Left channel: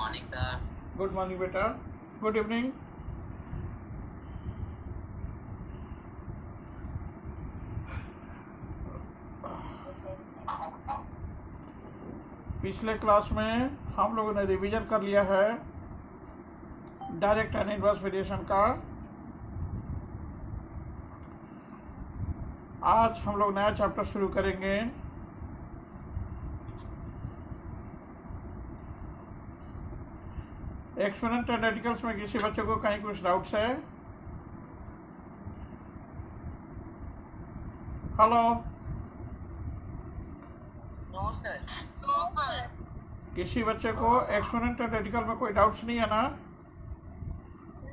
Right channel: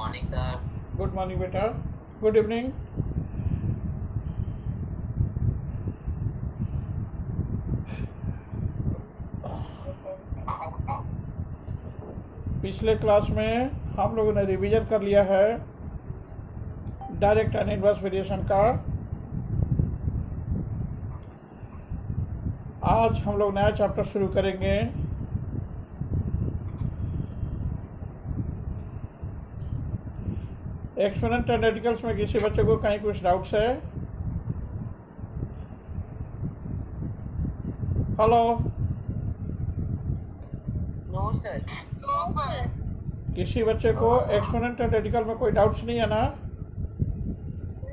Morning sir. Good morning बेटा। Good evening. पिछले class में हम लोगों ने रिवीजन कर लिया है डायरेक्ट एंड इनवर्स वेरिएशन का। आज हम लोग नया चैप्टर शुरू करेंगे। एक्सपोनेंट एंड रेडिकल्स में किसी बच्चे को कहीं कुछ डाउट्स है? Hello, no sir. किसी बच्चे को एक्सपोनेंट एंड रेडिकल में कोई डाउट्स नहीं है ना?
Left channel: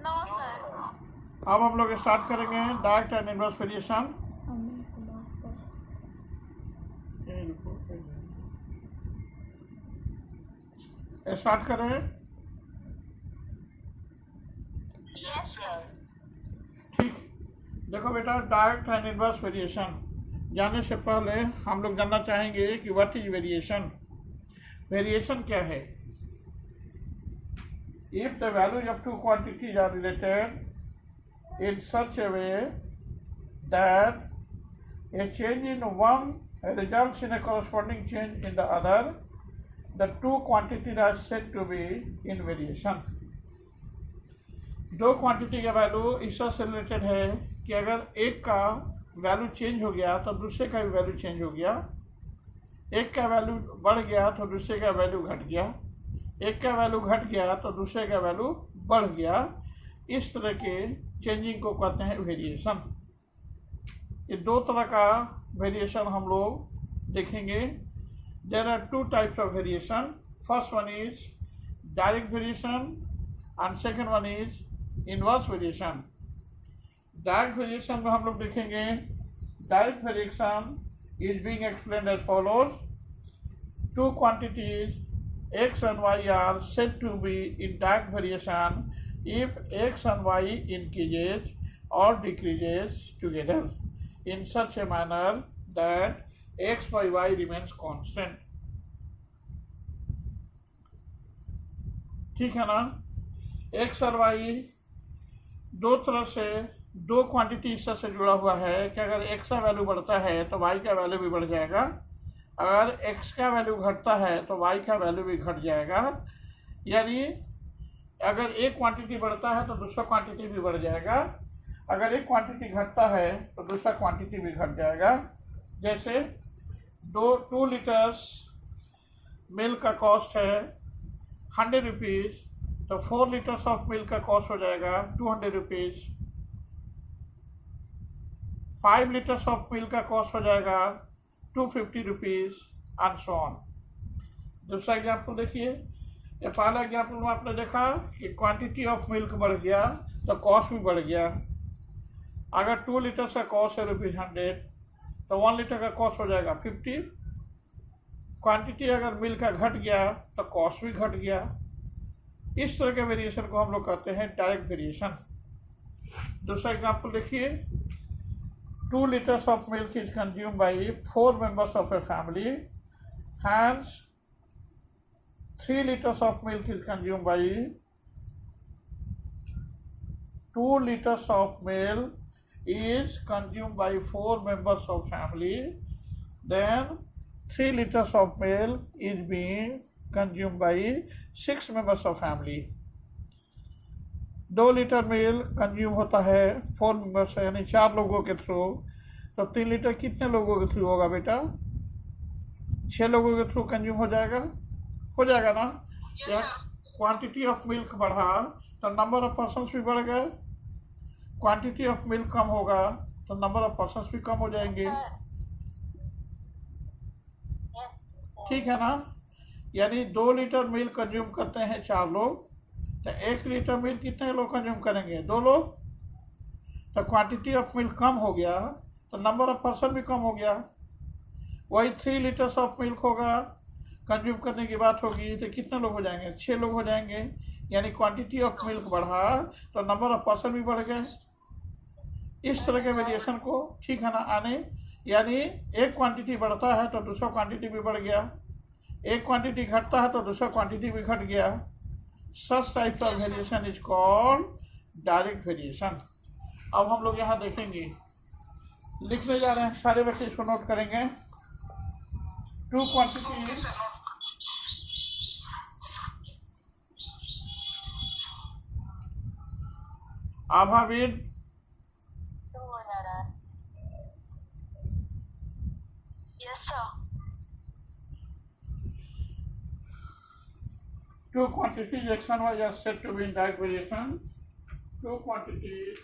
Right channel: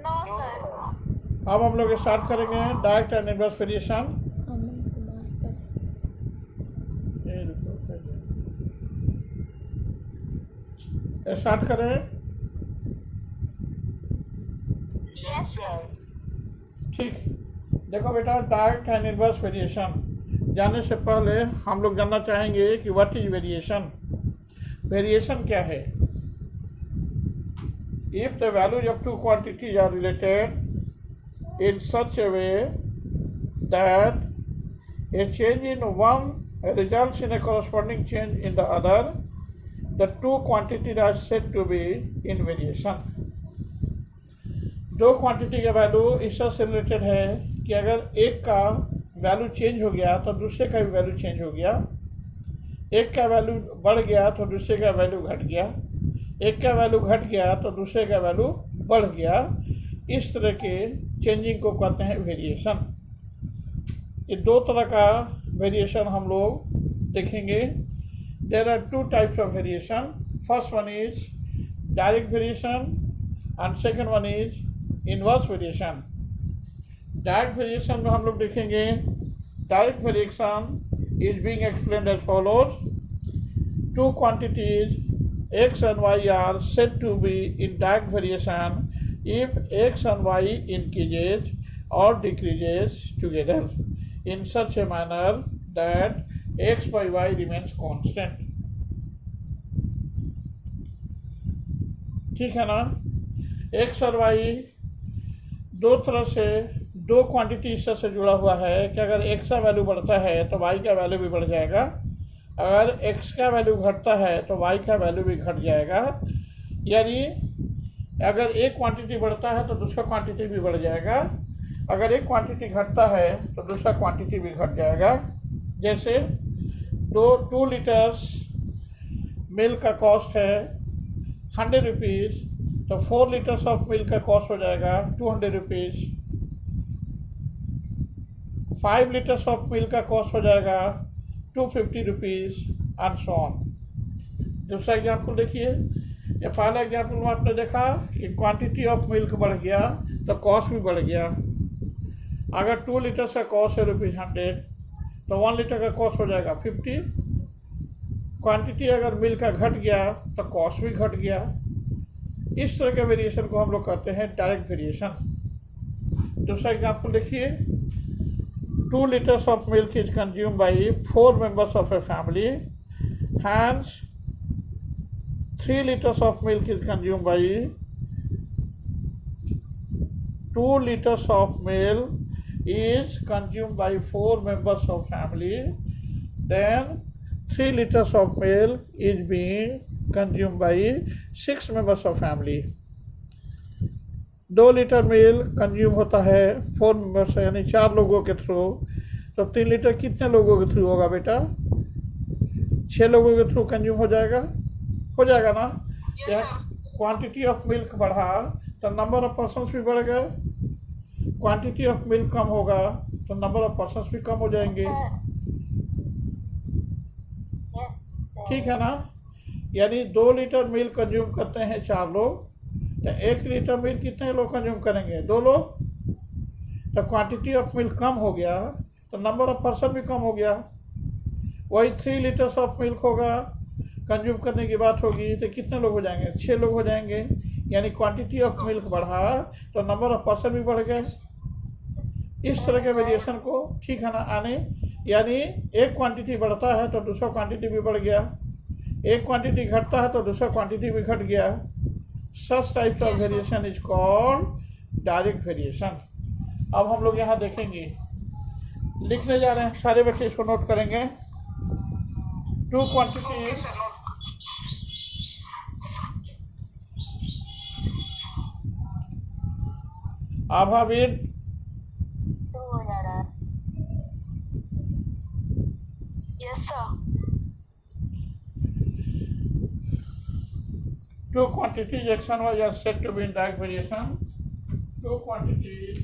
No sir. अब हम लोग स्टार्ट करेंगे direct and inverse variation. Start करें। Yes sir. ठीक, देखो बेटा, डायरेक्ट एंड इनवर्स वेरिएशन जानने से पहले हम लोग जानना चाहेंगे कि व्हाट इज वेरिएशन। वेरिएशन क्या है? If the values of two quantities are related in such a way that a change in one results in a corresponding change in the other, the two quantities are said to be in variation. दो quantity का value इससे related है कि अगर एक का value change हो गया तो दूसरे का भी वैल्यू चेंज हो गया, एक का वैल्यू बढ़ गया तो दूसरे का वैल्यू घट गया, एक का वैल्यू घट गया तो दूसरे का वैल्यू बढ़ गया। इस तरह के चेंजिंग को कहते हैं वेरिएशन। ये दो तरह का वेरिएशन हम लोग देखेंगे। There are two types of variation. First one is direct variation and second one is inverse variation. Direct variation में हम लोग देखेंगे direct variation is being explained as follows. Two quantities X and Y are said to be in direct variation if X and Y increases or decreases together in such a manner that x by y remains constant। ठीक है ना? x और y दो तरह से दो quantity इससे जुड़ा हुआ है कि अगर x का वैल्यू बढ़ता है तो y का वैल्यू भी बढ़ जाएगा, अगर x का वैल्यू घटता है तो y का वैल्यू भी घट जाएगा। यानी अगर एक क्वांटिटी बढ़ता है तो दूसरा क्वांटिटी भी बढ़ जाएगा, अगर एक क्वांटिटी घटता है तो दूसरा क्वांटिटी भी घट जाएगा। जैसे 2 लीटर्स मिल्क का कॉस्ट है 100 रुपीज़, तो 4 लीटर्स ऑफ मिल्क का कॉस्ट हो जाएगा 200 रुपीज़। 5 लीटर्स ऑफ मिल्क का कॉस्ट हो जाएगा 250 रुपीज़ एंड सो ऑन। दूसरा एग्जाम्पल देखिए। ये पहला एग्जाम्पल में आपने देखा कि क्वांटिटी ऑफ मिल्क बढ़ गया तो कॉस्ट भी बढ़ गया। अगर 2 लीटर्स का कॉस्ट है ₹100 तो 1 लीटर का कॉस्ट हो जाएगा 50। क्वांटिटी अगर मिल्क का घट गया तो कॉस्ट भी घट गया। इस तरह के वेरिएशन को हम लोग कहते हैं डायरेक्ट वेरिएशन। दूसरा एग्जाम्पल देखिए। 2 litres of milk is consume by 4 members of a family, hence 3 litres of milk is consume by 2 liters of milk is consumed by 4 members of family, then 3 liters of milk is being consumed by 6 members of family। 2 litre milk consume होता है 4 members यानी 4 लोगों के through, तो 3 litre कितने लोगों के through होगा बेटा? 6 लोगों के थ्रू कंज्यूम हो जाएगा ना? या क्वांटिटी ऑफ मिल्क बढ़ा तो नंबर ऑफ पर्सन्स भी बढ़ गए, क्वांटिटी ऑफ मिल्क कम होगा तो नंबर ऑफ पर्सन्स भी कम हो जाएंगे। ठीक है ना? यानी 2 लीटर मिल्क कंज्यूम करते हैं 4 लोग, तो 1 लीटर मिल्क कितने लोग कंज्यूम करेंगे? 2 लोग। तो क्वांटिटी ऑफ मिल्क कम हो गया तो नंबर ऑफ पर्सन भी कम हो गया। वही 3 लीटर्स ऑफ मिल्क होगा, कंज्यूम करने की बात होगी तो कितने लोग हो जाएंगे? 6 लोग हो जाएंगे। यानी क्वांटिटी ऑफ मिल्क बढ़ा तो नंबर ऑफ पर्सन भी बढ़ गए। इस तरह के वेरिएशन को, ठीक है ना, आने यानी एक क्वांटिटी बढ़ता है तो दूसरा क्वांटिटी भी बढ़ गया, एक क्वांटिटी घटता है तो दूसरा क्वांटिटी भी घट गया। Such types of variation is called direct variation. अब हम लोग यहाँ देखेंगे, लिखने जा रहे हैं, सारे बच्चे इसको नोट करेंगे. टू क्वांटिटीज आभाविद टू हो जा रहा है. Yes sir. two quantities x and y are said to be in direct variation. Two quantities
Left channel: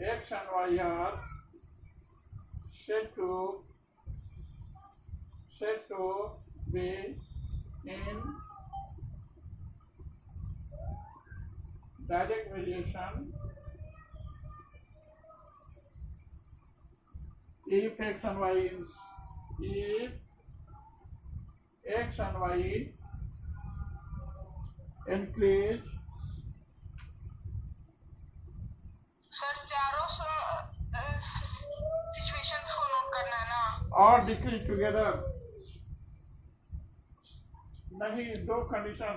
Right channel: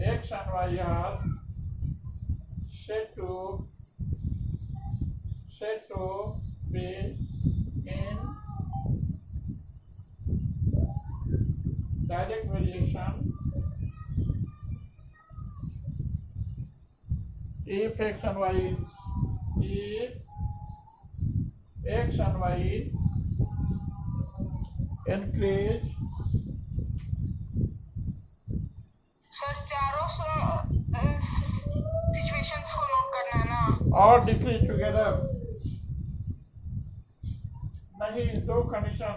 x and y are said to be in direct variation if x and y increase sir चारों situations को note करना है ना. or decrease together. नहीं, दो condition,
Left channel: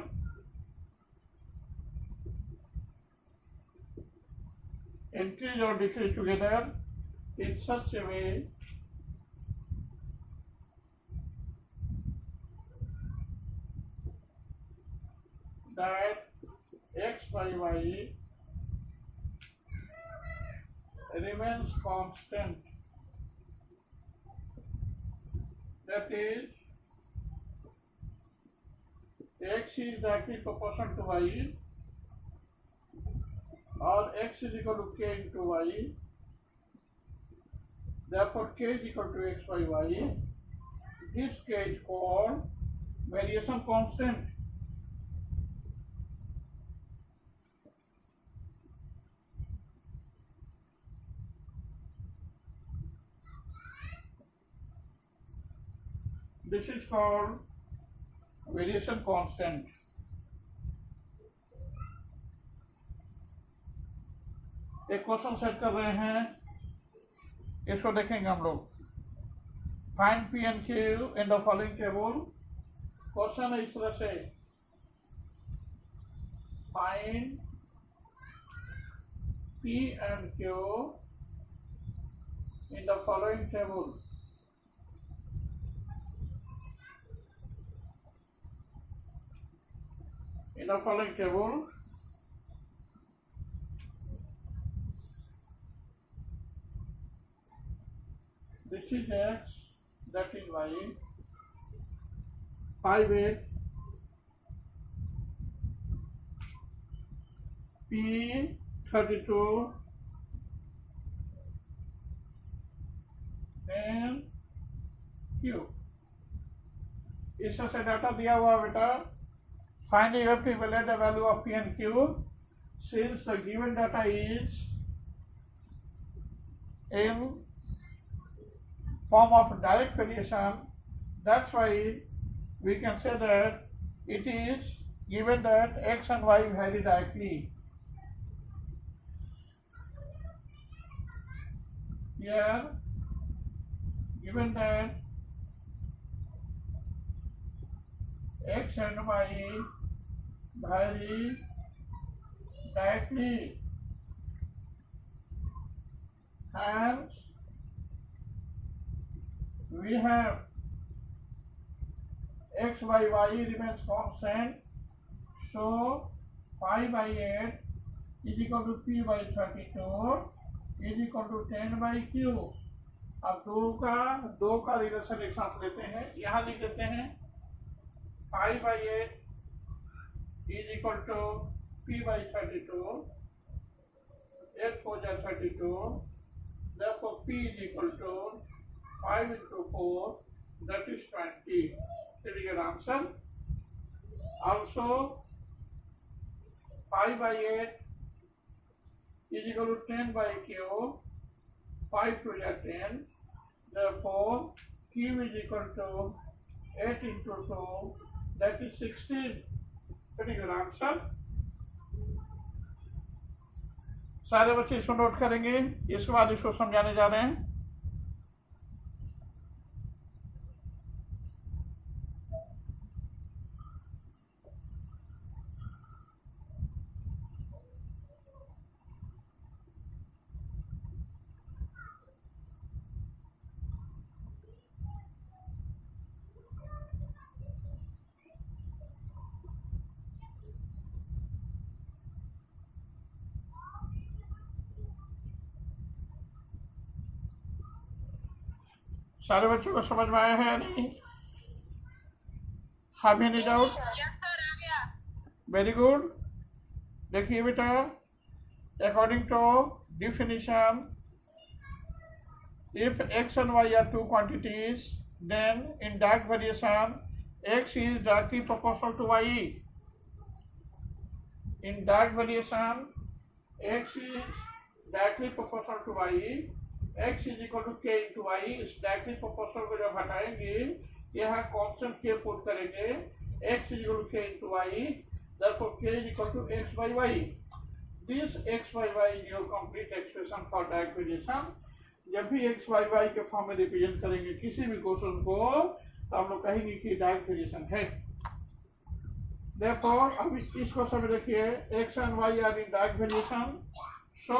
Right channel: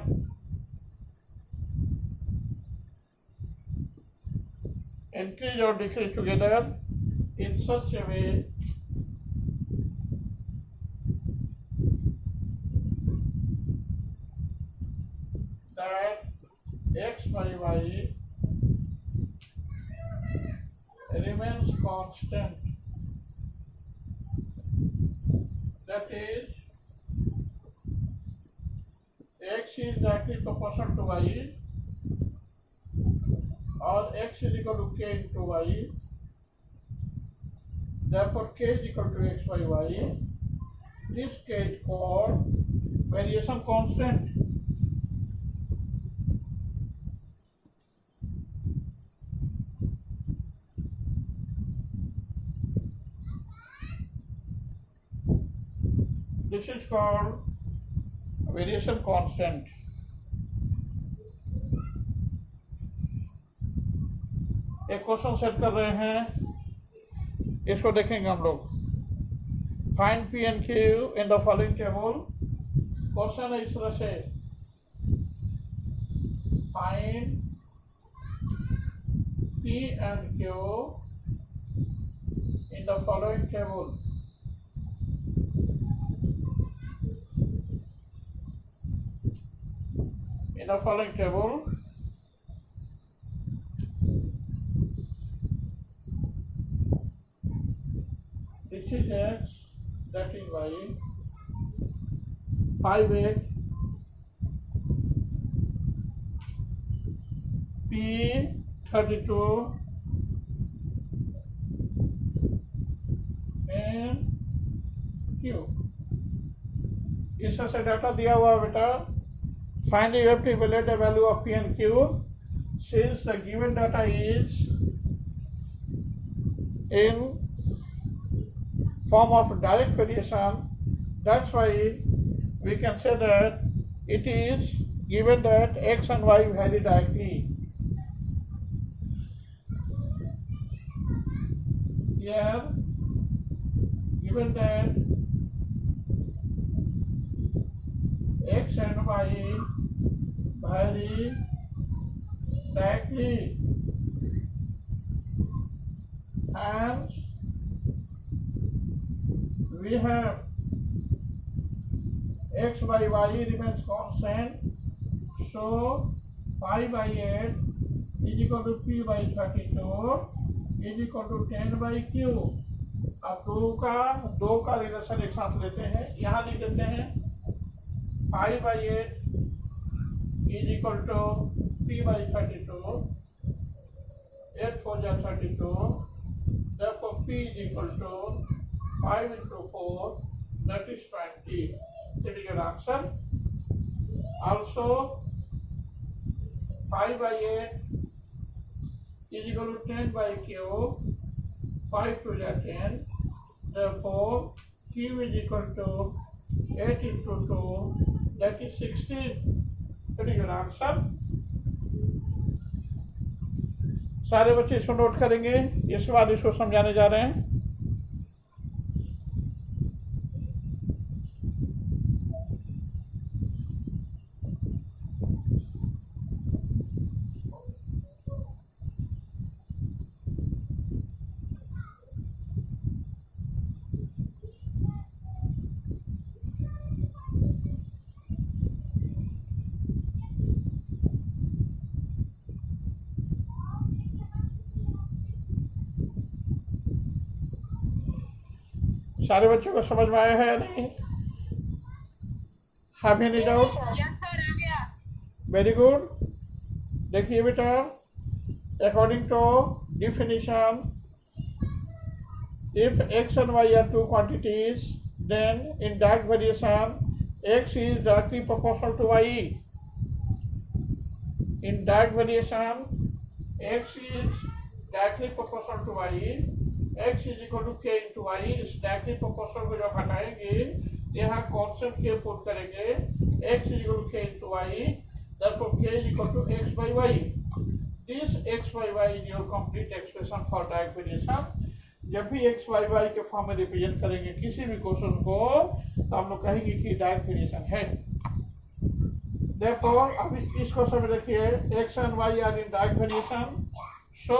increase or decrease together in such a way that x by y remains constant. That is, x is directly proportional to y, or x is equal to k into y. Therefore, k is equal to x by y. This k is called variation constant. This is called variation constant. एक question set कर रहे हैं, इसको देखेंगे हम लोग. Find P and Q in the following table. Question है इस तरह से, find P and Q in the following table. In the following table, this is x, that is y, 5 8, p 32, and q. इससे से डाटा दिया हुआ बेटा. Finally, you have to evaluate the value of P and Q. Since the given data is in form of direct variation, that's why we can say that it is given that x and y vary directly. Here, given that x and y vary directly, hence we have x by y remains constant, so 5 by 8 is equal to p by 32 is equal to 10 by q. अब दो का relation एक साथ लेते हैं, यहाँ लिख देते हैं 5 by 8 is equal to p by 32, 8 4 is 32, therefore p is equal to 5 into 4, that is 20. That is your answer. Also 5 by 8 is equal to 10 by q, 5 to the 10, therefore q is equal to 8 into 2, that is 16. That is your answer. सारे बच्चे इसको note करेंगे, इसके बाद इसको समझाने जा रहे हैं. सारे बच्चों को समझ में आया है या नहीं? have any doubt? Yes sir आ गया। Very good. देखिए बेटा, according to definition, if x and y are two quantities, then in direct variation x is directly proportional to y. In direct variation x is directly proportional to y, x is equal to k into y. इस directly proportional को जब हटाएंगे यहाँ constant k put करेंगे, x is equal to k into y, therefore k is equal to x by y. This x by y is your complete expression for direct variation. जब भी x by y के form में represent करेंगे किसी भी question को तो हम लोग कहेंगे कि डायरेक्ट वेरिएशन है। Therefore, अब इस क्वेश्चन में देखिए x and y are in direct variation, so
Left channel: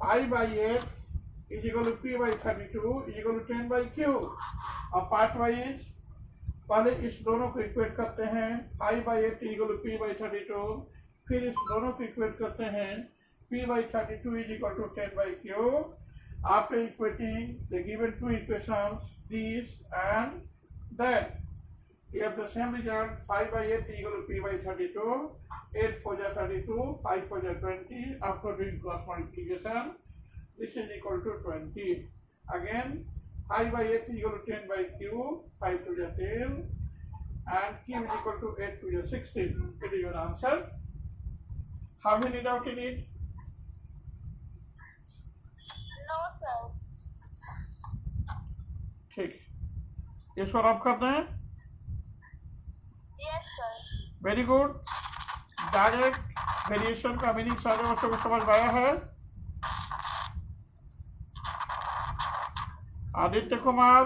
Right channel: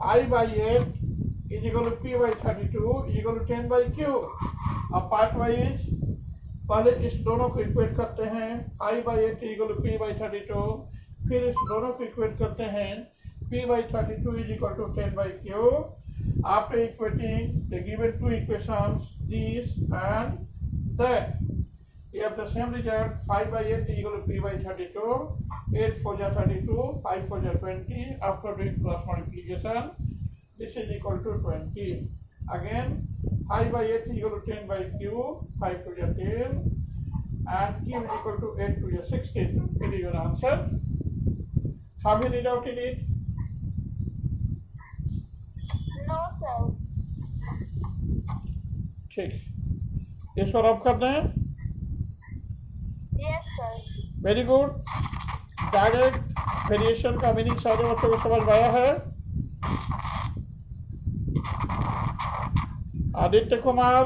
I by 8 is equal to p by 32 is equal to 10 by q. अब पार्ट वाइज पहले इस दोनों को इक्वेट करते हैं, I by 8 is equal to p by 32, फिर इस दोनों को इक्वेट करते हैं, p by 32 is equal to 10 by q. After equating the given two equations, this and that, we have the same result. 5 by 8 is equal to p by 32, 8 4 are 32, 5 4 are 20. After doing cross multiplication, this is equal to 20. Again 5 by 8 is equal to 10 by q, 5 2 are 10, and q is equal to 8 2 are 16. It is your answer. Have you read out in it? No sir. ठीक, इसको rub कर दें। Yes sir. Very good. Direct variation का meaning सारे बच्चों को समझ में आया है? Aditya Kumar,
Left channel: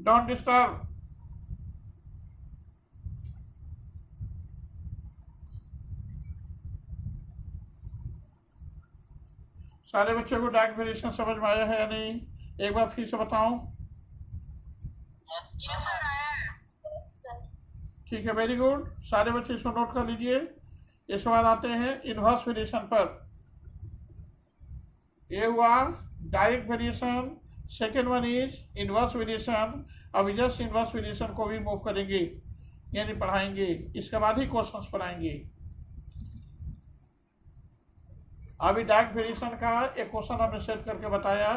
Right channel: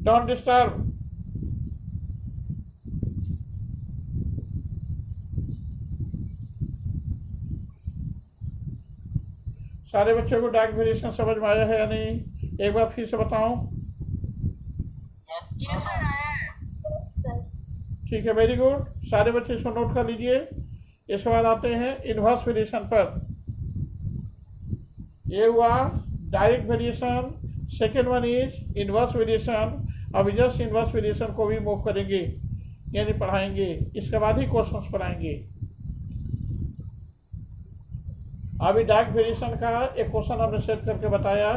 don't disturb. सारे बच्चों को डायरेक्ट वेरिएशन समझ में आया है या नहीं? एक बार फिर से बताऊं। यस सर आया है। ठीक है, वेरी गुड। सारे बच्चे इसको नोट कर लीजिए। इसके बाद आते हैं इनवर्स वेरिएशन पर। ये हुआ direct variation, second one is inverse variation. अब जस्ट इनवर्स वेरिएशन को भी मूव करेंगे, यानी पढ़ाएंगे, इसके बाद ही क्वेश्चंस पढ़ाएंगे। अभी डायरेक्ट वेरिएशन का एक क्वेश्चन हमने सेट करके बताया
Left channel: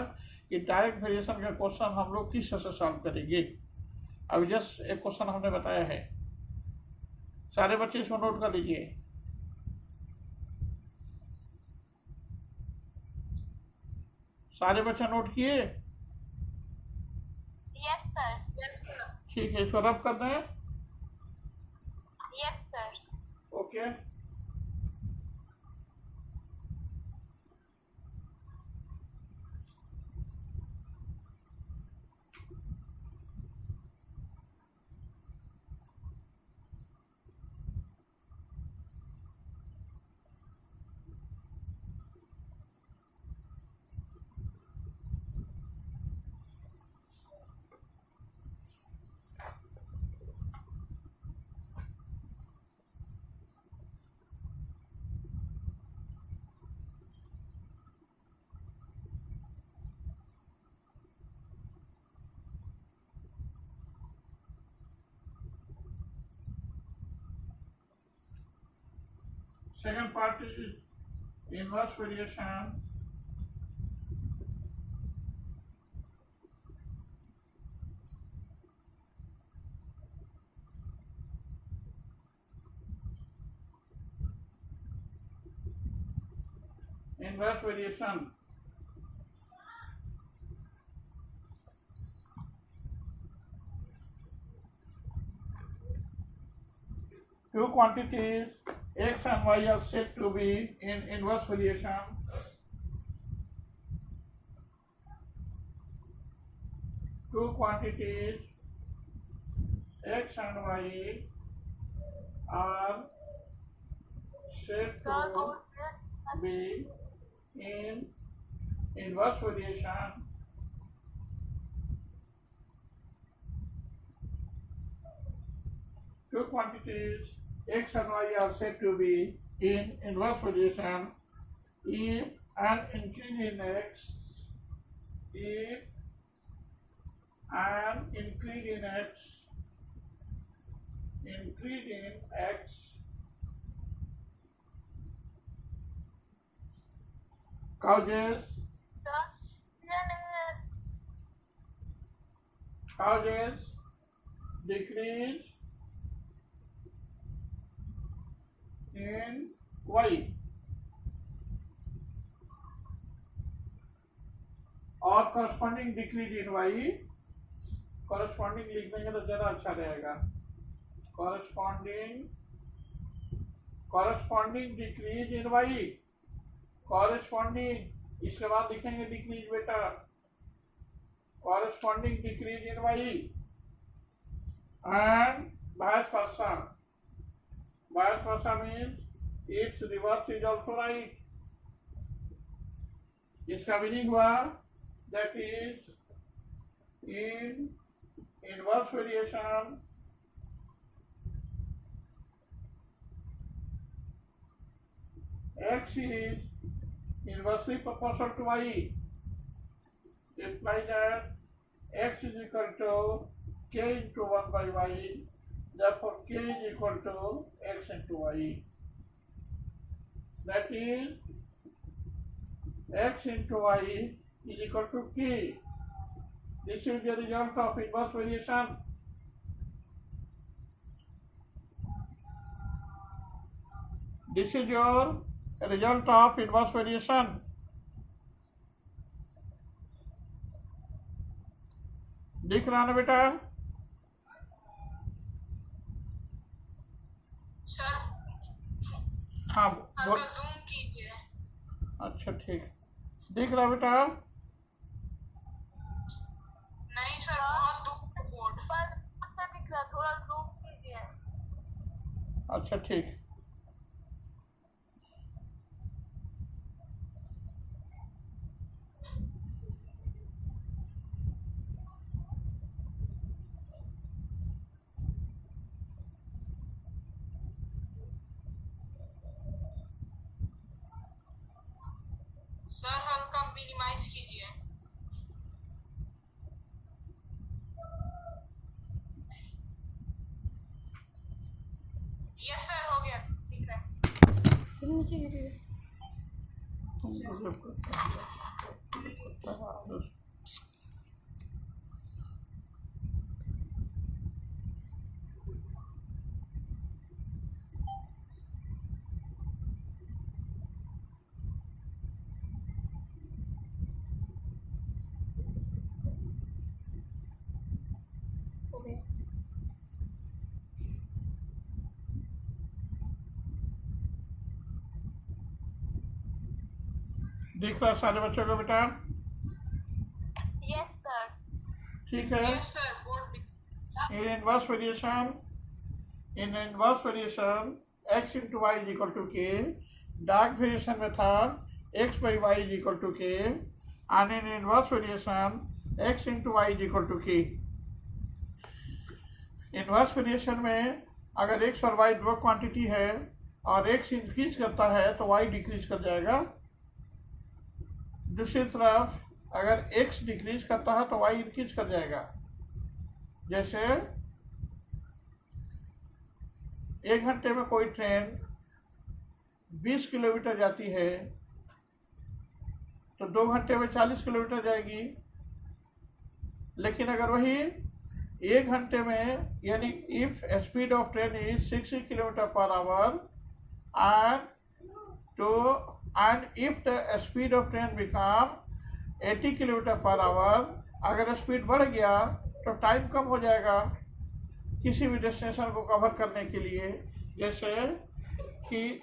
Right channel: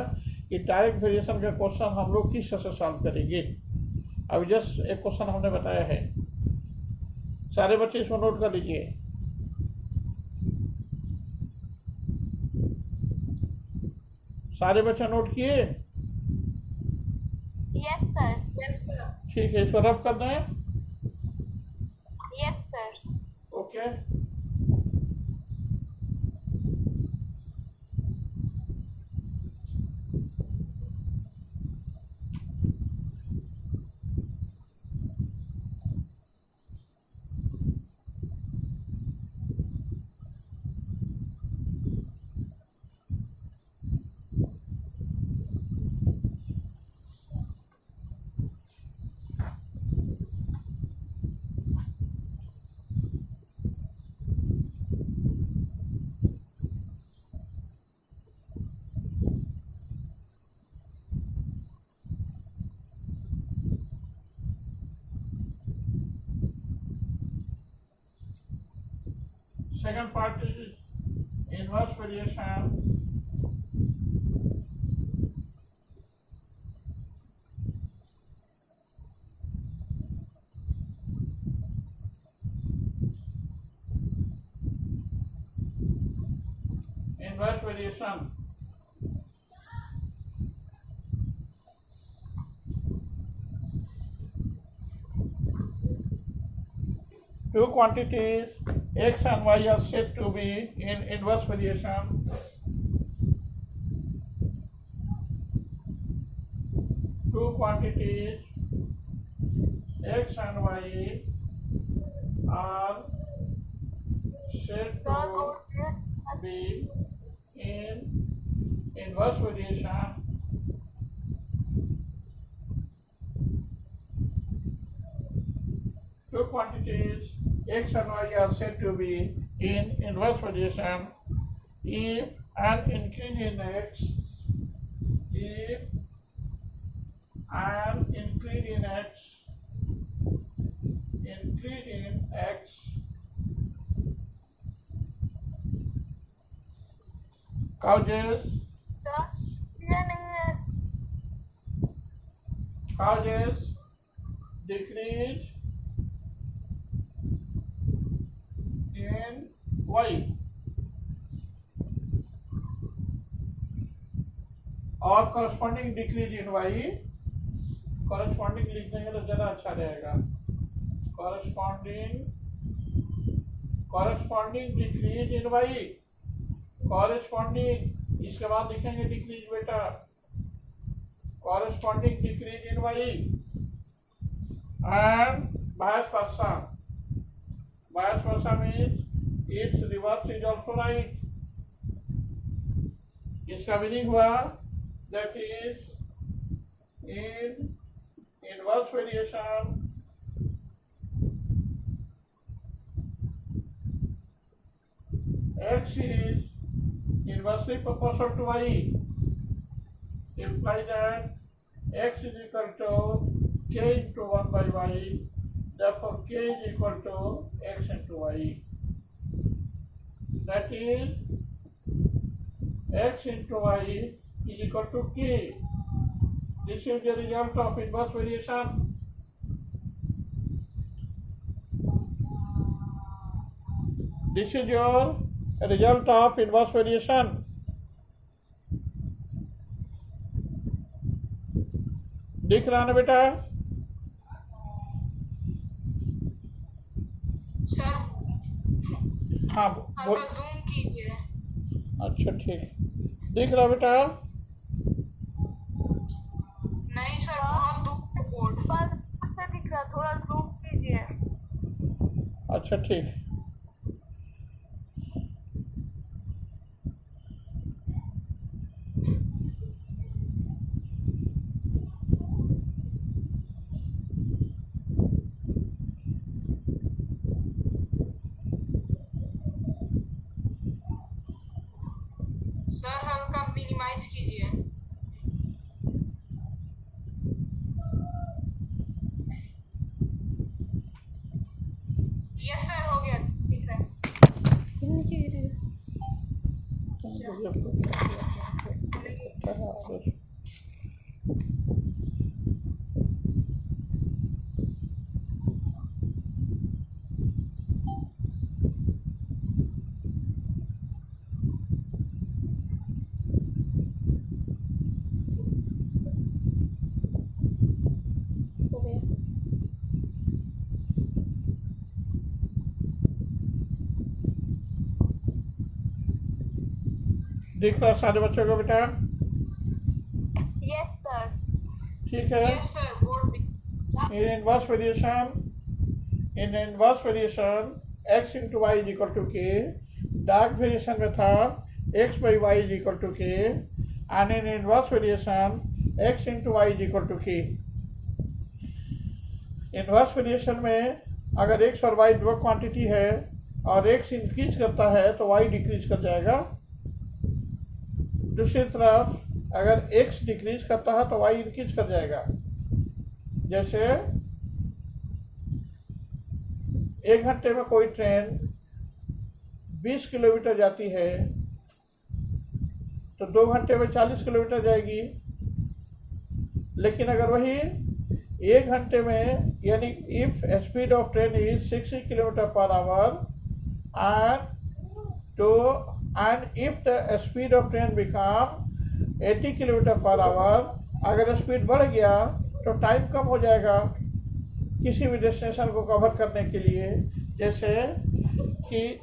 कि डायरेक्ट वेरिएशन का क्वेश्चन हम लोग किस तरह से सॉल्व करेंगे। अभी जस्ट एक क्वेश्चन हमने बताया है, सारे बच्चे इसको नोट कर लीजिए। सारे बच्चे नोट किए? Yes sir. Yes sir. ठीक है, इसको रब कर दें। Yes sir. Okay, second part is inverse variation. Inverse variation. Two quantities x and y are said to be in inverse variation. Two quantities x and y are said to be in inverse variation. Two quantities x and y are said to be in inverse variation if an increase in x if an increase in x causes sir ये नहीं है decrease in y और corresponding decrease in y, corresponding लिख देंगे तो ज़्यादा अच्छा रहेगा। corresponding decrease in y, corresponding, इसके बाद लिखेंगे decrease बेटा, corresponding decrease in y and vice versa means its reverse is also right। इसका मीनिंग हुआ that is in inverse variation x is inversely proportional to y, imply that x is equal to k into 1 by y, therefore k is equal to x into y, that is x into y is equal to k. This is the result of inverse variation. This is your result of inverse variation. दिख रहा ना बेटा? Sir हाँ बोल। हल्का zoom कीजिए। अच्छा ठीक, दिख रहा बेटा? नहीं सर बहुत दूर है बोर्ड पर से दिख रहा, थोड़ा जूम कीजिए। अच्छा ठीक। सर हल्का मिनिमाइज कीजिए। यस सर हो गया, दिख रहा है। हो गया। दिख रहा सारे बच्चों को बेटा? Yes sir. ठीक है। यस सर बोर्ड दिख In inverse variation x into y is equal to k, dark variation में था x by y is equal to k, and in inverse variation x into y is equal to k। Inverse variation में अगर x और y दो quantity है और x increase करता है तो y डिक्रीज कर जाएगा। दूसरी तरफ अगर x डिक्रीज करता है तो y इंक्रीज कर जाएगा। जैसे 1 घंटे में कोई ट्रेन 20 किलोमीटर जाती है तो 2 घंटे में 40 किलोमीटर जाएगी। लेकिन अगर वही 1 घंटे में, यानी if speed of train is 60 kilometre per our and if the speed of train become 80 kilometre per our, अगर स्पीड बढ़ गया तो टाइम कम हो जाएगा किसी भी डेस्टिनेशन को कवर करने के लिए। जैसे कि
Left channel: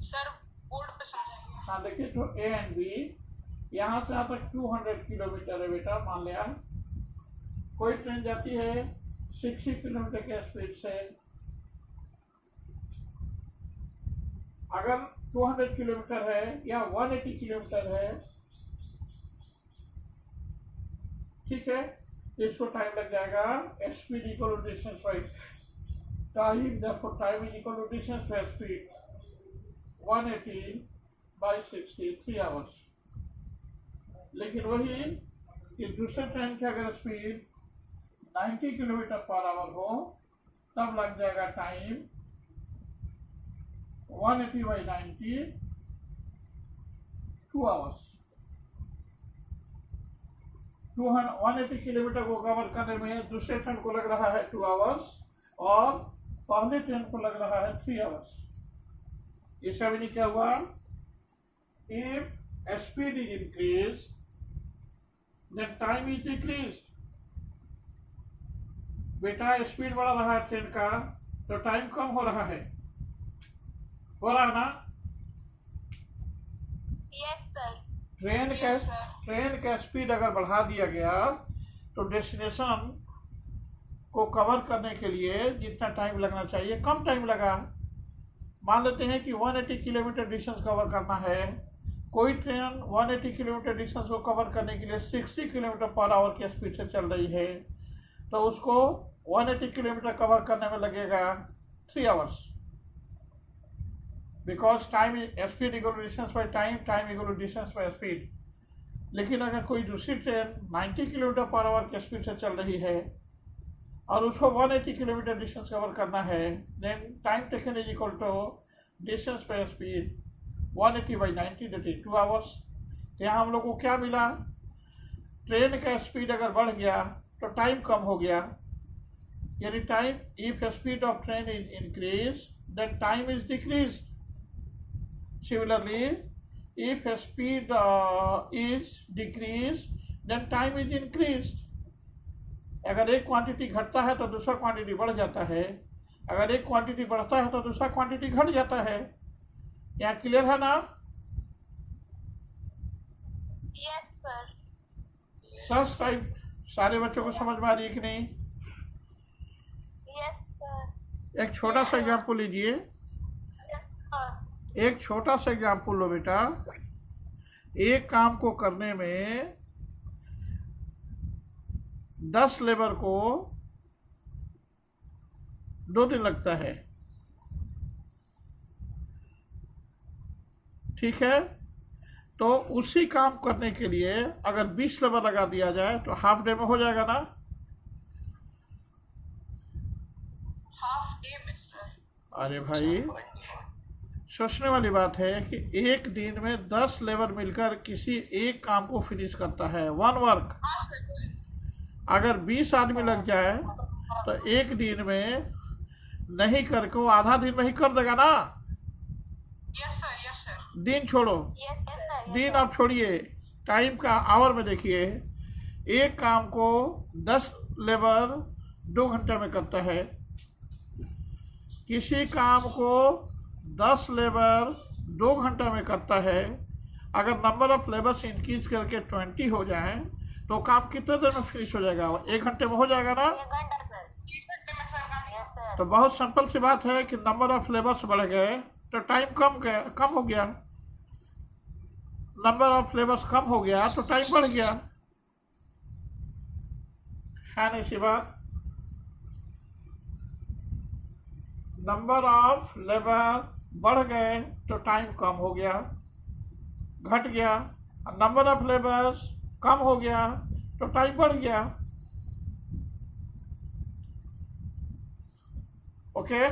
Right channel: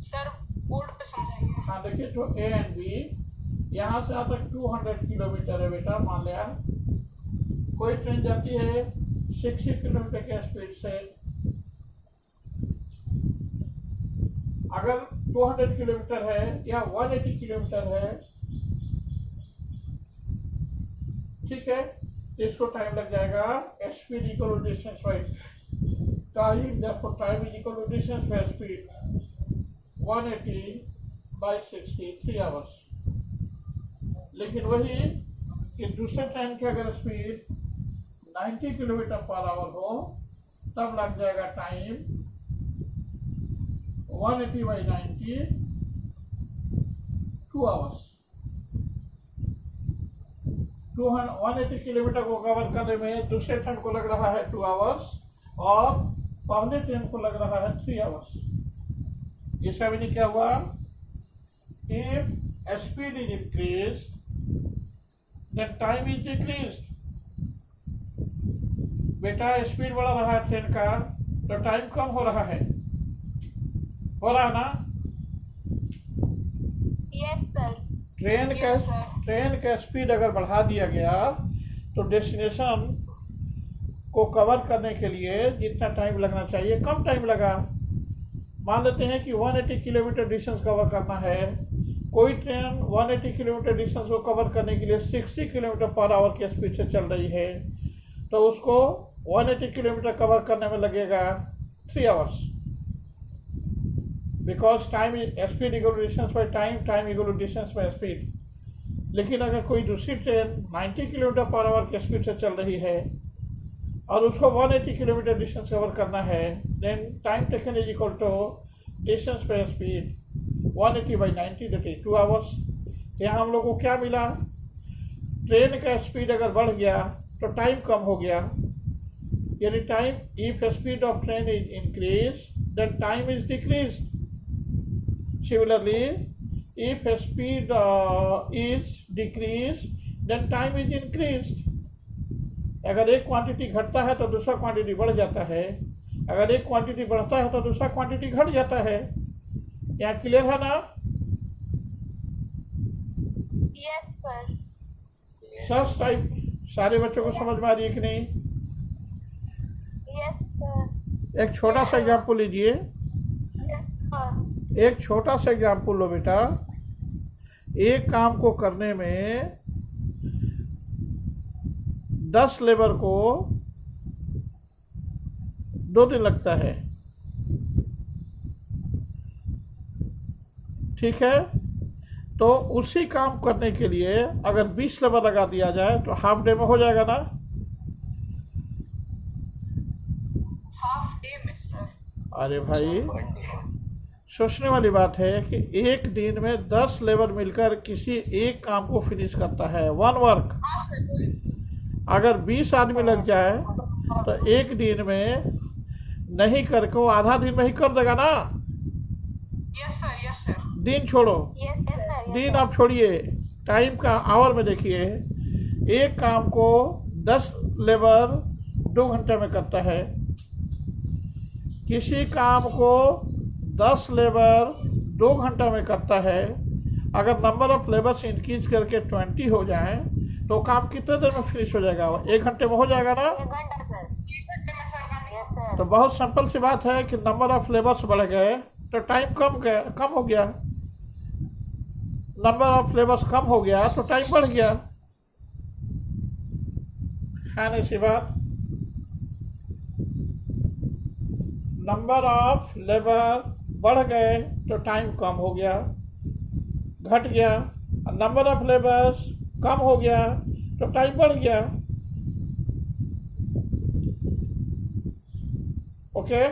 सर बोर्ड पे समझाइए। हाँ देखिए, तो ए एंड बी यहाँ से यहाँ तक 200 किलोमीटर है बेटा। मान लिया कोई ट्रेन जाती है 60 किलोमीटर के स्पीड से। अगर 200 किलोमीटर है या 180 किलोमीटर है, ठीक है, इसको टाइम लग जाएगा speed equal distance by time, therefore time is equal to distance by speed 180 by 60, 3 hours. लेकिन वही कि दूसरे ट्रेन की अगर स्पीड 90 किलोमीटर पर आवर हो तब लग जाएगा टाइम 180 by 90, 2 hours. 180 किलोमीटर को कवर करने में दूसरे ट्रेन को लग रहा है 2 आवर्स और पहले ट्रेन को लग रहा है 3 आवर्स. इसका भी क्या हुआ? If speed is increase then time is decrease. बेटा स्पीड बढ़ रहा है ट्रेन का तो टाइम कम हो रहा है ना? Yes sir. ट्रेन का स्पीड अगर बढ़ा दिया गया तो डेस्टिनेशन को कवर करने के लिए जितना टाइम लगना चाहिए कम टाइम लगा. मान लेते हैं कि 180 किलोमीटर डिस्टेंस कवर करना है. कोई ट्रेन 180 किलोमीटर डिस्टेंस को कवर करने के लिए 60 किलोमीटर पर आवर की स्पीड से चल रही है तो उसको 180 किलोमीटर कवर करने में लगेगा 3 hours. Because time speed equal to distance by time equal to distance by speed. लेकिन अगर कोई दूसरी ट्रेन 90 किलोमीटर पर आवर की स्पीड से चल रही है और उसको 180 किलोमीटर डिस्टेंस कवर करना है then time taken is equal to distance by speed 180 by 90, that is 2 hours. यहाँ हम लोग को क्या मिला? ट्रेन का स्पीड अगर बढ़ गया तो टाइम कम हो गया. यानी time, if speed of train is increase then time is decrease. Similarly if speed is decreased then time is increased. अगर एक क्वांटिटी घटता है तो दूसरा क्वांटिटी बढ़ जाता है. अगर एक क्वांटिटी बढ़ता है तो दूसरा क्वांटिटी घट जाता है. यहाँ क्लियर है ना? Yes sir. सच टाइप सारे बच्चों को समझ में आ रही है कि नहीं? Yes sir. एक छोटा सा एग्जाम्पल लीजिए. Yes sir. एक छोटा सा एग्जाम्पल लो बेटा. एक काम को करने में 10 लेबर को 2 दिन लगता है. ठीक है, तो उसी काम करने के लिए अगर 20 लेबर लगा दिया जाए तो हाफ डे में हो जाएगा ना? हाफ डे में सर. अरे भाई, सोचने वाली बात है कि एक दिन में 10 लेबर मिलकर किसी एक काम को फिनिश करता है, वन वर्क. हाँ सर. अगर 20 आदमी लग जाए तो एक दिन में नहीं करके वो आधा दिन में ही कर देगा ना? Yes sir. Yes sir. दिन छोड़ो, यस सर. दिन आप छोड़िए, टाइम का आवर में देखिए. एक काम को 10 लेबर 2 घंटे में करता है. किसी काम को 10 लेबर 2 घंटे में करता है. अगर नंबर ऑफ लेबर्स इंक्रीज करके 20 हो जाए तो काम कितने देर में फिनिश हो जाएगा? 1 घंटे में हो जाएगा ना? 1 घंटा सर. 1 घंटे में सर. Yes sir. तो बहुत सिंपल सी बात है कि नंबर ऑफ लेबर्स बढ़ गए तो टाइम कम हो गया. नंबर ऑफ लेबर्स कम हो गया तो टाइम बढ़ गया. है ना सी बात? नंबर ऑफ लेबर बढ़ गए तो टाइम कम हो गया, घट गया. नंबर ऑफ लेबर्स कम हो गया तो टाइम बढ़ गया. ओके,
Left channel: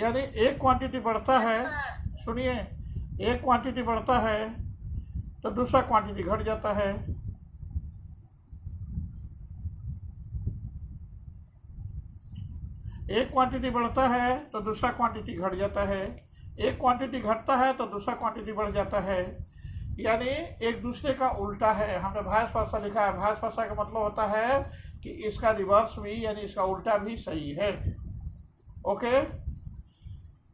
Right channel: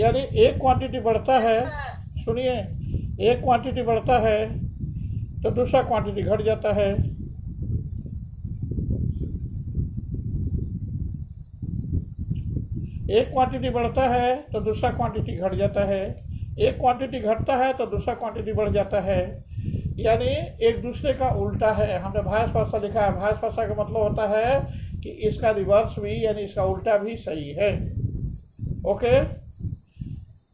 यानी एक क्वांटिटी बढ़ता है, सुनिए, एक क्वांटिटी बढ़ता है तो दूसरा क्वांटिटी घट जाता है. एक क्वांटिटी बढ़ता है तो दूसरा क्वांटिटी घट जाता है. एक क्वांटिटी घटता है तो दूसरा क्वांटिटी बढ़ जाता है. यानी एक दूसरे का उल्टा है. हमने वाइस वर्सा लिखा है. वाइस वर्सा का मतलब होता है कि इसका रिवर्स भी यानी इसका उल्टा भी सही है. Okay,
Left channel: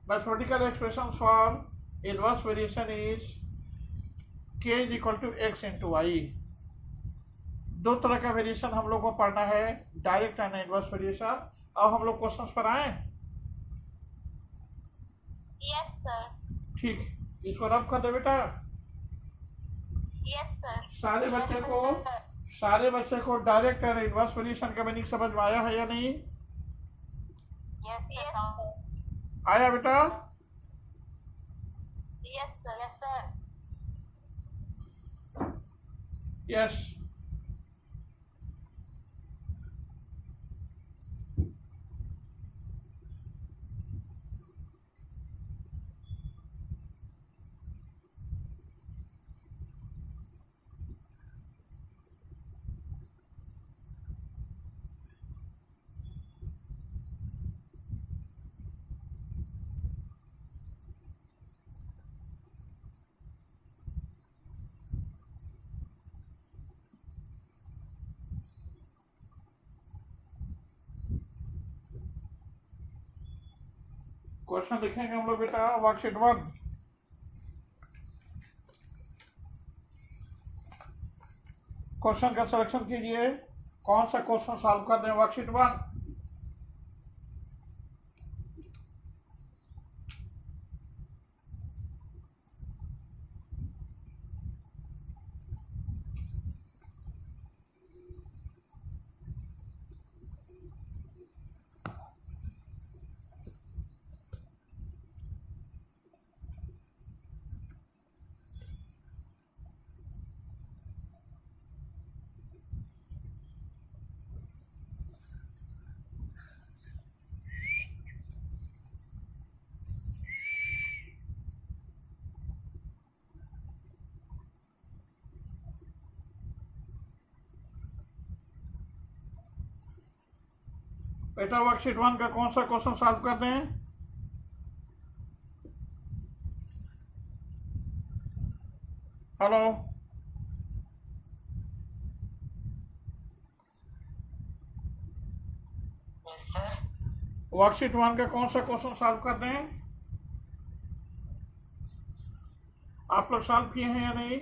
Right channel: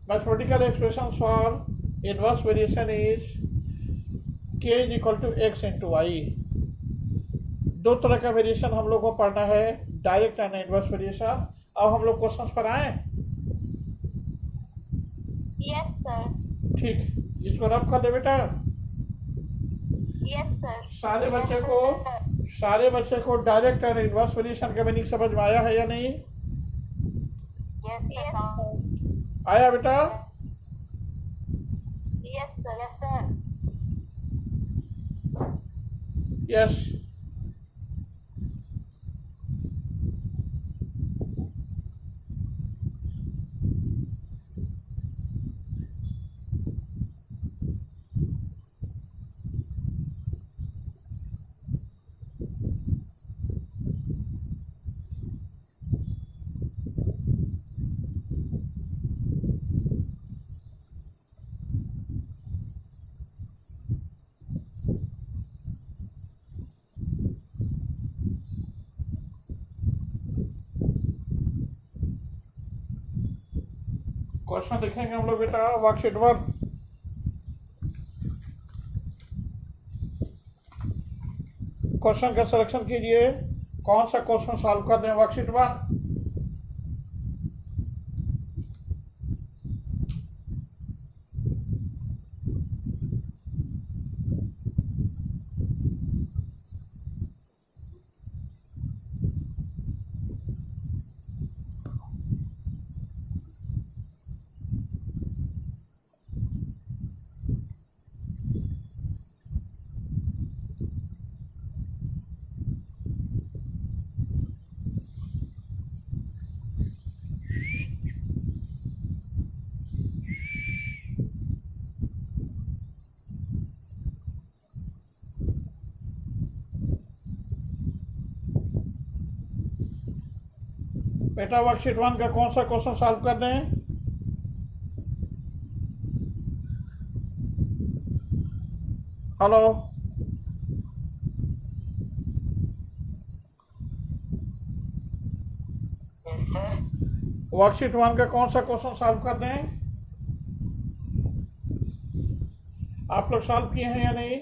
mathematical expression for inverse variation is k is equal to x into Y. 2 तरह का वेरिएशन हम लोग को पढ़ना है, डायरेक्ट एंड इनवर्स वेरिएशन. अब हम लोग क्वेश्चन पर आए. Yes sir. ठीक, इसको रब कर दे बेटा. Yes sir. सारे बच्चे को डायरेक्ट एंड इनवर्स वेरिएशन का मीनिंग समझ में आया है या नहीं? Yes, sir. आया बेटा? Yes, sir. Yes, sir. Yes. Question लिखेंगे हम लोग बेटा वर्कशीट 1। क्वेश्चन का सिलेक्शन कीजिए, कौन सा क्वेश्चन सॉल्व कर दें वर्कशीट 1। बेटा वर्कशीट 1 का कौन सा क्वेश्चन सॉल्व कर दें? हेलो, वर्कशीट 1 का कौन सा क्वेश्चन सॉल्व कर दें? आप लोग सॉल्व किए हैं या नहीं?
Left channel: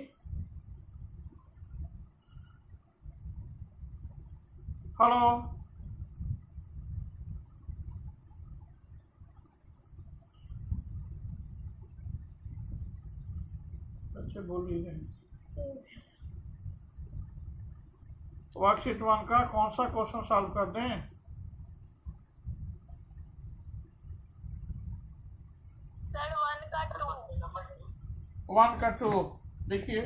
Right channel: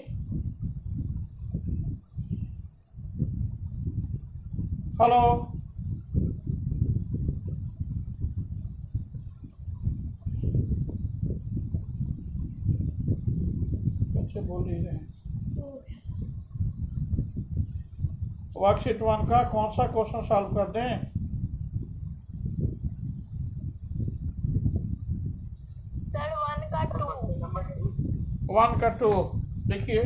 हेलो, बच्चे बोल नहीं रहे। वर्कशीट 1 का कौन सा क्वेश्चन सॉल्व कर दें? Sir, 1 का 2. 1 का 2 देखिए,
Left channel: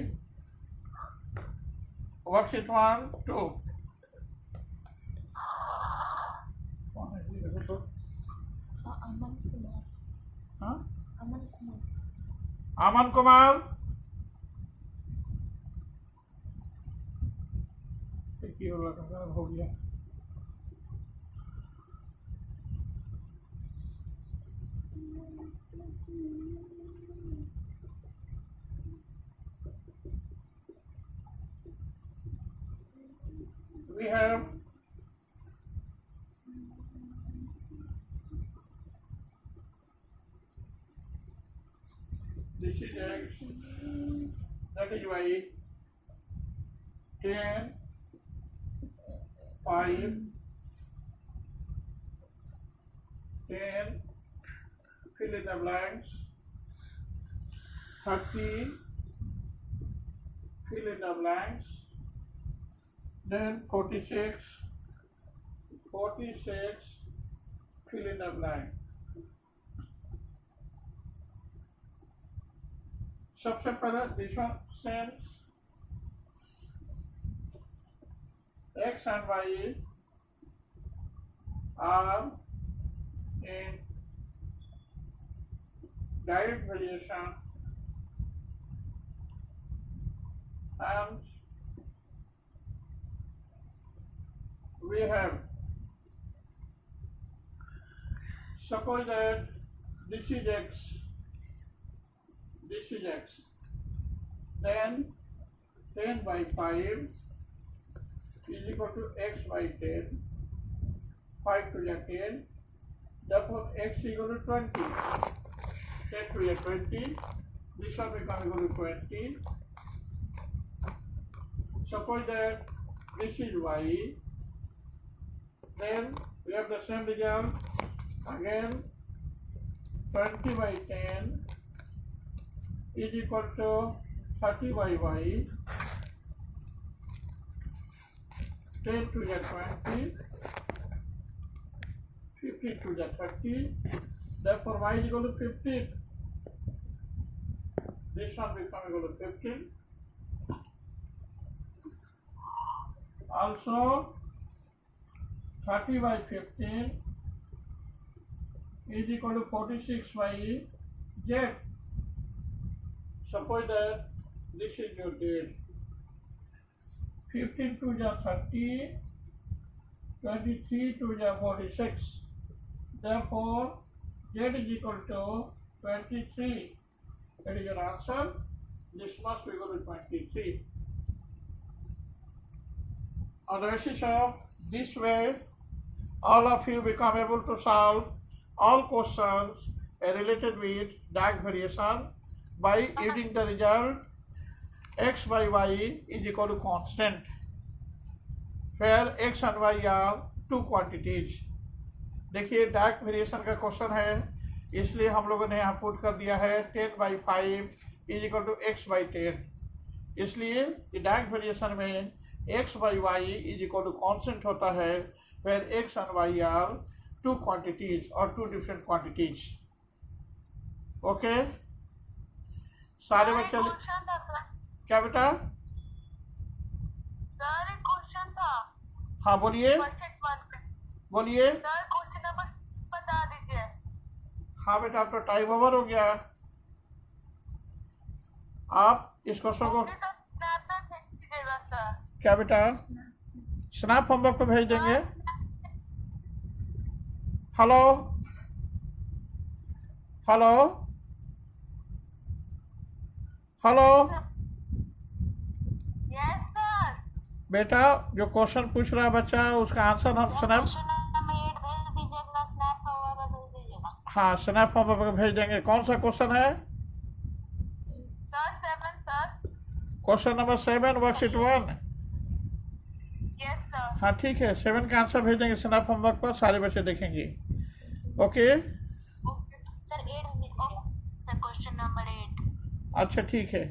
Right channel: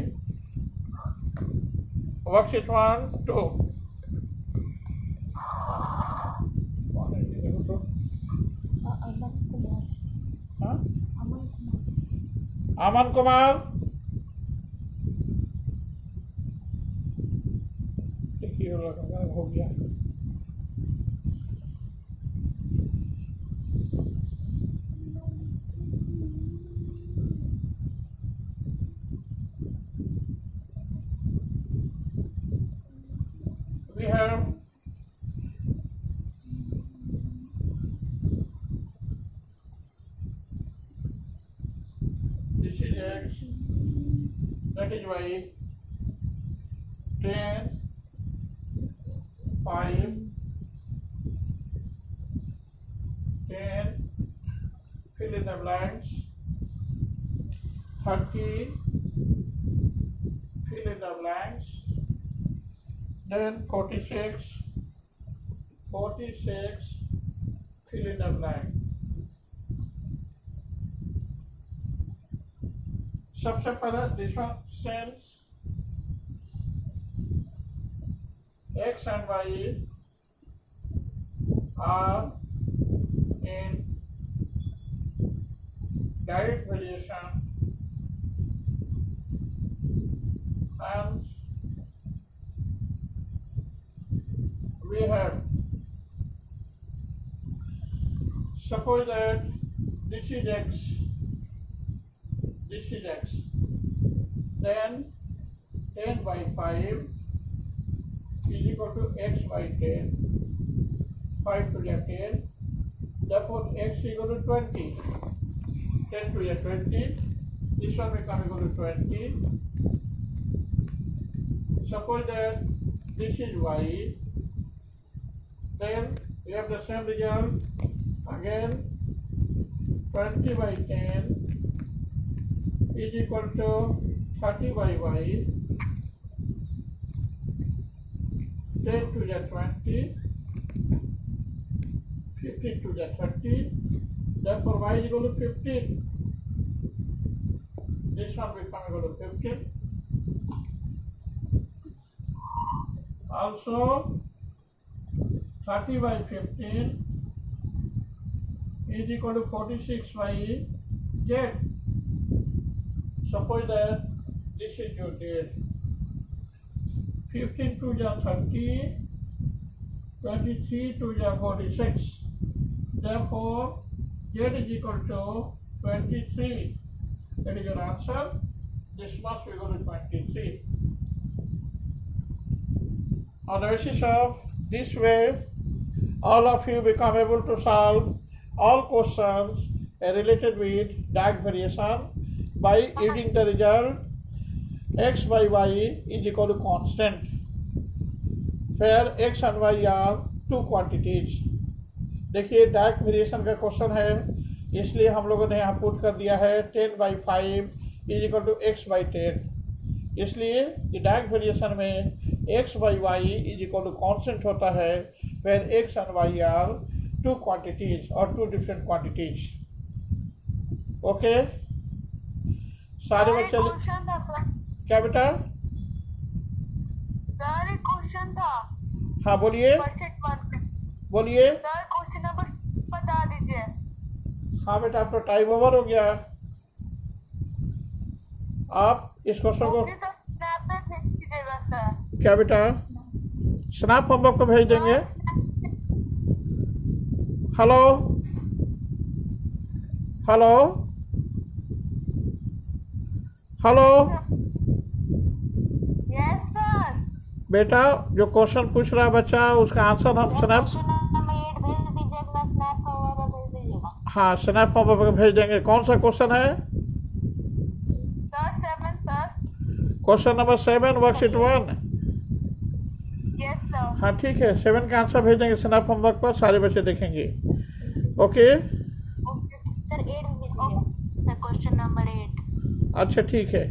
वर्कशीट 1 2। अमन कुमार. हाँ? अमन कुमार. अमन कुमार, देखिए वो लगा हो गया। We have this is x, that is y, 10, 5, 10, fill in the blanks, 30, fill in the blanks, then 46, fill in the blank. सबसे पहले this one since x and y are in direct variation and we have, suppose that this is x, then 10 by 5 is equal to x by 10, 5 to the 10, therefore x is equal to 20, 10 to the 20, this one become equal to 20. Suppose that this is y, then we have the same result, again 20 by 10 is equal to 30 by y, 10 to the 20, 15 to the 30. Therefore, y is equal to 15. This one become equal to 15. Also, 30 by 15 is equal to 46 by z. Suppose that this is your date. 15 to the 30, 23 to the 46. Therefore, z is equal to 23. That is your answer. This must be equal to 23. On the basis of this way, all of you become able to solve all questions related with Dirac variation by using the result x by y is equal to constant, where x and y are two quantities. देखिए direct variation का question है, इसलिए हम लोगों ने यहाँ put कर दिया है 10/5 is equal to x by 10. इसलिए डायरेक्ट वेरिएशन में x by y is equal to constant होता है, where x and y are two quantities or two different quantities. Okay सारे बच्चे क्वेश्चन था सर, क्या बेटा? सर एक क्वेश्चन था हाँ बोलिए परसेंट वन पे। बोलिए. सर क्वेश्चन नंबर बता दीजिए। हाँ बेटा, अब तो टाइम ओवर हो गया. आप इस क्वेश्चन को मुझे तो स्नैप पे भेज दीजिएगा सर। क्या बेटा स्नैप होमवर्क को भेज देंगे. Hello hello hello yes sir. बेटा जो क्वेश्चन पूछ रहा है बच्चा, उसका आंसर हम स्नैप, क्वेश्चन नंबर 8 भेज दीजिएगा, स्नैप होगा भेज दीजिएगा। हाँ स्नैप होमवर्क को भेज देंगे. कौन सा क्वेश्चन है? Sir 7 sir. Question number 7 worksheet 1. Yes sir. हाँ ठीक है, 7 का आंसर भेज देंगे स्नैप होमवर्क पर, सारे बच्चे देखेंगे. ओके ओके सर 8 भेज दीजिए, क्वेश्चन नंबर 8। अच्छा ठीक है.